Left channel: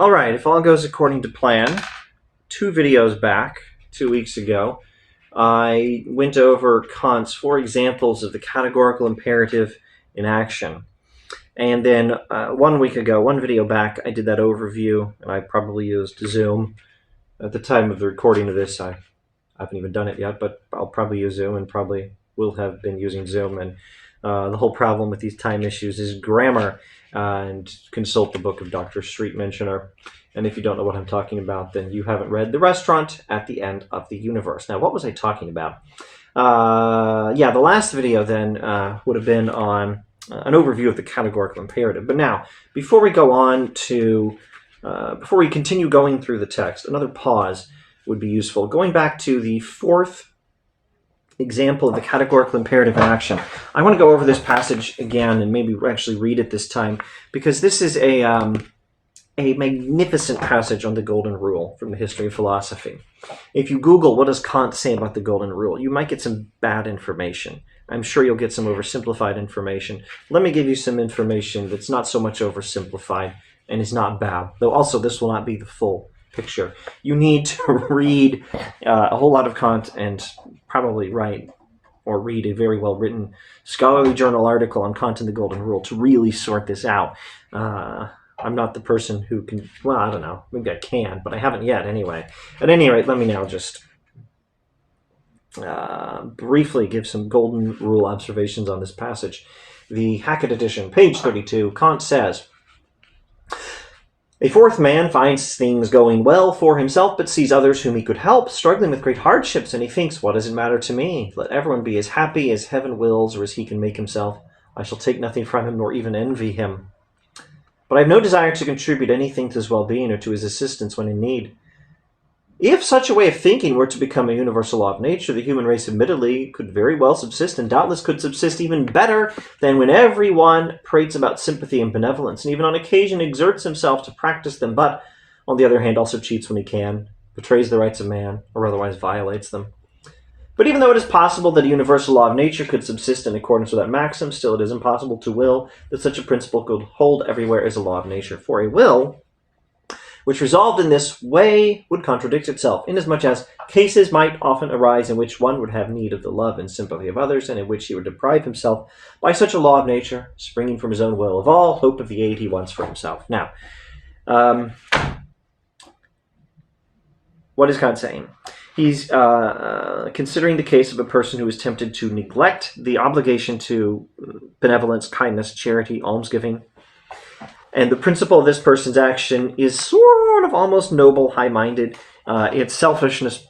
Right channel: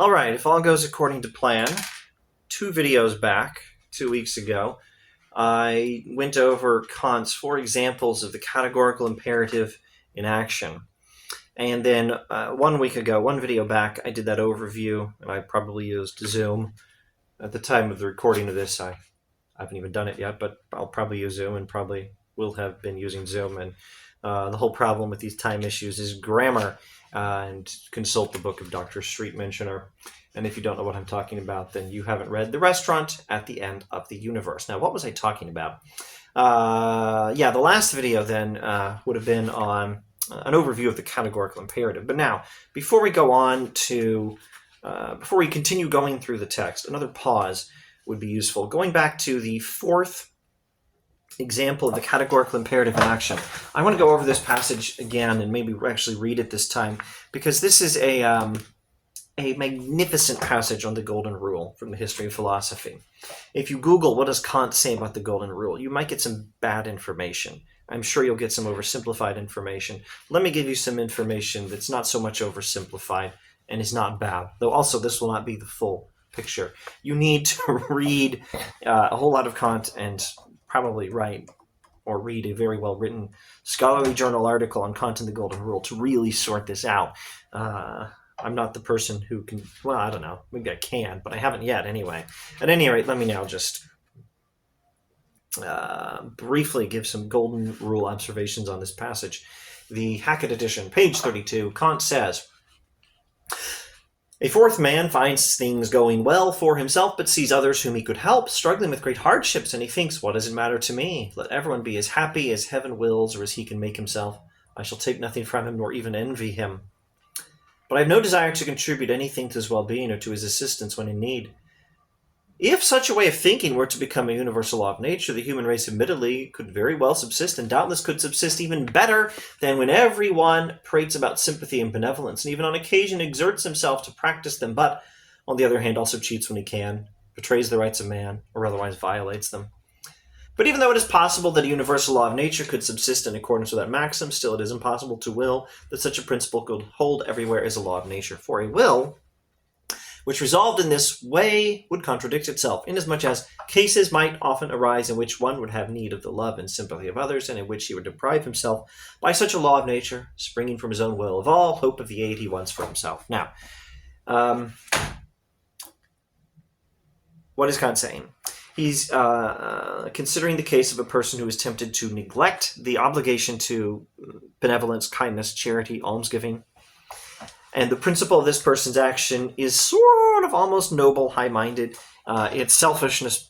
All right, if all goes according to plan, 2 videos back, 2 weeks ago, I went over Kant's 4 examples of the categorical imperative in action. And then 1 week ago, 1 video back, I did that overview, and I probably used Zoom. At the time of the recording of this, I haven't even done it yet, but I'll probably use Zoom and probably will have been using Zoom. And the whole problem with these time issues is grammar. And consult the book of Dr. Street Mentioner. And if you don't know what I'm talking about, then you haven't read The Restaurant at the End of the Universe. Now, what was I talking about? The last video then would have been on an overview of the categorical imperative. But now, before we go on to, before we continue going through the text, another pause would be useful. Going back to the 4th example of the categorical imperative in action. I want to go over this passage again and maybe actually read it this time, because this is a magnificent passage on the Golden Rule from the history of philosophy. If you Google what does Kant say about the Golden Rule, you might get some bad information. I'm sure you'll get some oversimplified information. Let me give you some information that's not so much oversimplified and is not bad, though also this will not be the full picture. You need to read a whole lot of Kant and probably write or read a very well-written scholarly journal article on Kant and the Golden Rule to really sort this out. I'm not the person who can, well, I don't know, maybe I can, but I haven't yet anyway. At any rate, let me now just briefly give some Golden Rule observations on this passage. The Hackett edition, page 32, Kant says, "A fourth man finds things going well for himself, but sees others whom he could help struggling with great hardships, and he thinks, what does it matter to me? Let everyone be as happy as heaven wills or as he can make himself. I shall take nothing from him, nor even envy him. But I have no desire to contribute anything to his well-being or to his assistance when in need. If such a way of thinking were to become a universal law of nature, the human race admittedly could very well subsist, and doubtless could subsist even better than when everyone prates about sympathy and benevolence, and even on occasion exerts himself to practice them, but, on the other hand, also cheats when he can, betrays the rights of man, or otherwise violates them. But even though it is possible that a universal law of nature could subsist in accordance with that maxim, still it is impossible to will that such a principle could hold everywhere as a law of nature. For a will which resolved in this way would contradict itself, inasmuch as cases might often arise in which one would have need of the love and sympathy of others, and in which he would deprive himself, by such a law of nature, springing from his own will, of all hope of the aid he wants for himself." Now, what is Kant saying? He's considering the case of a person who is tempted to neglect the obligation to benevolence, kindness, charity, almsgiving. And the principle of this person's action is sort of almost noble, high-minded. It's selfishness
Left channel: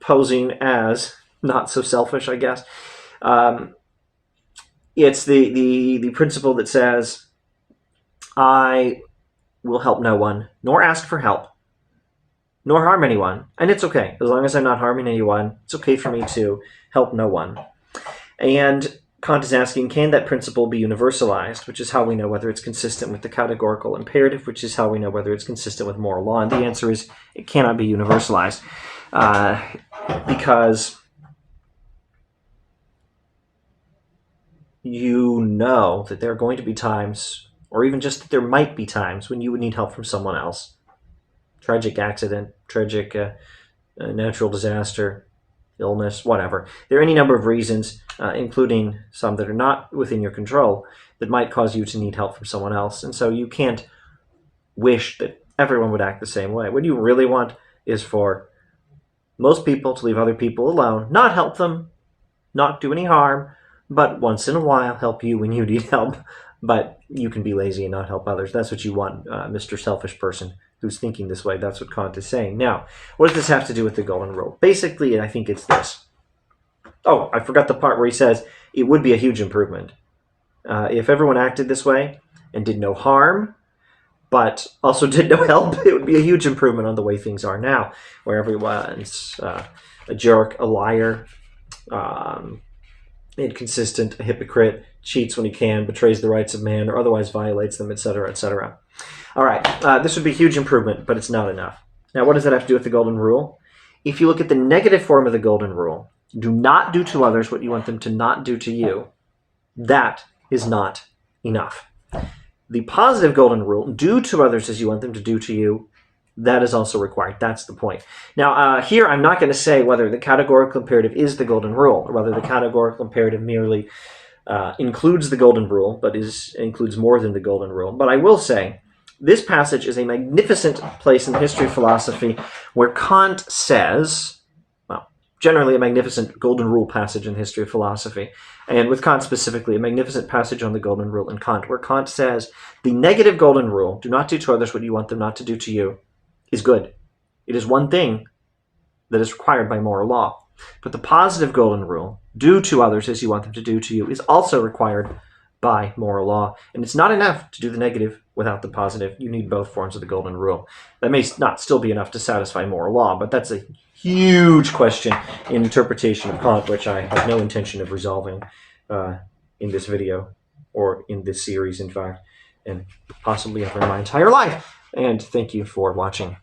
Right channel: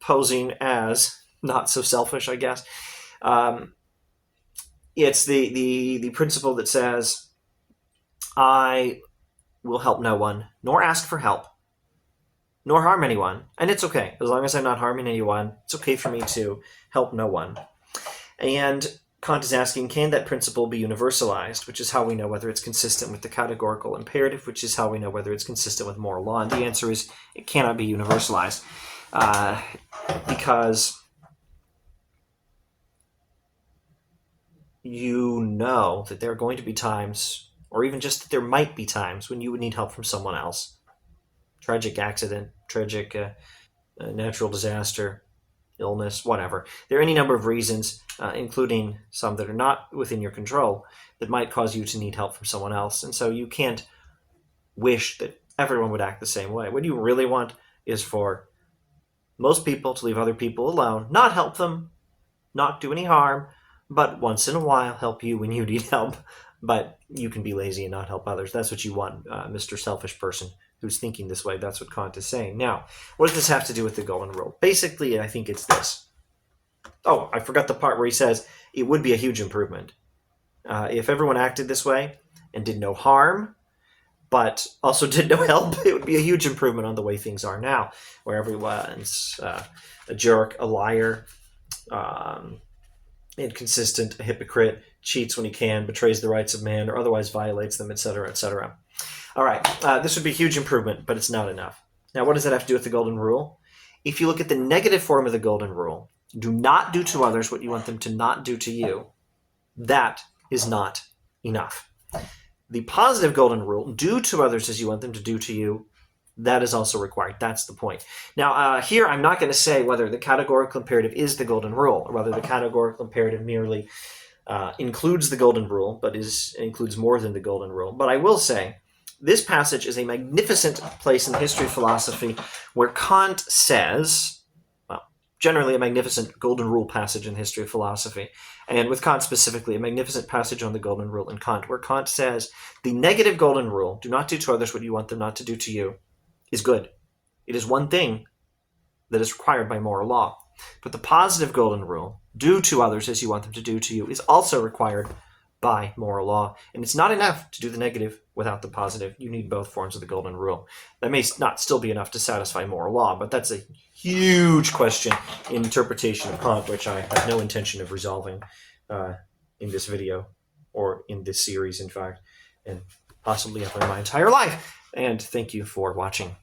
posing as not so selfish, I guess. It's the principle that says, I will help no one, nor ask for help, nor harm anyone. And it's okay. As long as I'm not harming anyone, it's okay for me to help no one. And Kant is asking, can that principle be universalized, which is how we know whether it's consistent with the categorical imperative, which is how we know whether it's consistent with moral law. And the answer is it cannot be universalized because you know that there are going to be times, or even just that there might be times, when you would need help from someone else. Tragic accident, tragic natural disaster, illness, whatever. There are any number of reasons, including some that are not within your control, that might cause you to need help from someone else. And so you can't wish that everyone would act the same way. What you really want is for most people to leave other people alone, not help them, not do any harm, but once in a while help you when you need help. But you can be lazy and not help others. That's what you want, Mr. Selfish person who's thinking this way. That's what Kant is saying. Now, what does this have to do with the Golden Rule? Basically, I think it's this. Oh, I forgot the part where he says it would be a huge improvement. If everyone acted this way and did no harm, but also did no help, it would be a huge improvement on the way things are now, where everyone's a jerk, a liar, inconsistent, a hypocrite, cheats when he can, betrays the rights of man, or otherwise violates them, etc., etc. All right, this would be a huge improvement, but it's not enough. Now, what does that have to do with the Golden Rule? If you look at the negative form of the Golden Rule, do not do to others what you want them to not do to you, that is not enough. The positive golden rule, do to others as you want them to do to you, that is also required. That's the point. Now, here I'm not going to say whether the categorical imperative is the golden rule, or whether the categorical imperative merely includes the golden rule, but includes more than the golden rule. But I will say, this passage is a magnificent place in the history of philosophy where Kant says, well, generally a magnificent golden rule passage in the history of philosophy, and with Kant specifically, a magnificent passage on the golden rule in Kant, where Kant says, the negative golden rule, do not do to others what you want them not to do to you, is good. It is one thing that is required by moral law. But the positive golden rule, do to others as you want them to do to you, is also required by moral law. And it's not enough to do the negative without the positive. You need both forms of the golden rule. That may not still be enough to satisfy moral law, but that's a huge question in interpretation of Kant, which I have no intention of resolving in this video, or in this series, in fact, and possibly ever in my entire life. And thank you for watching.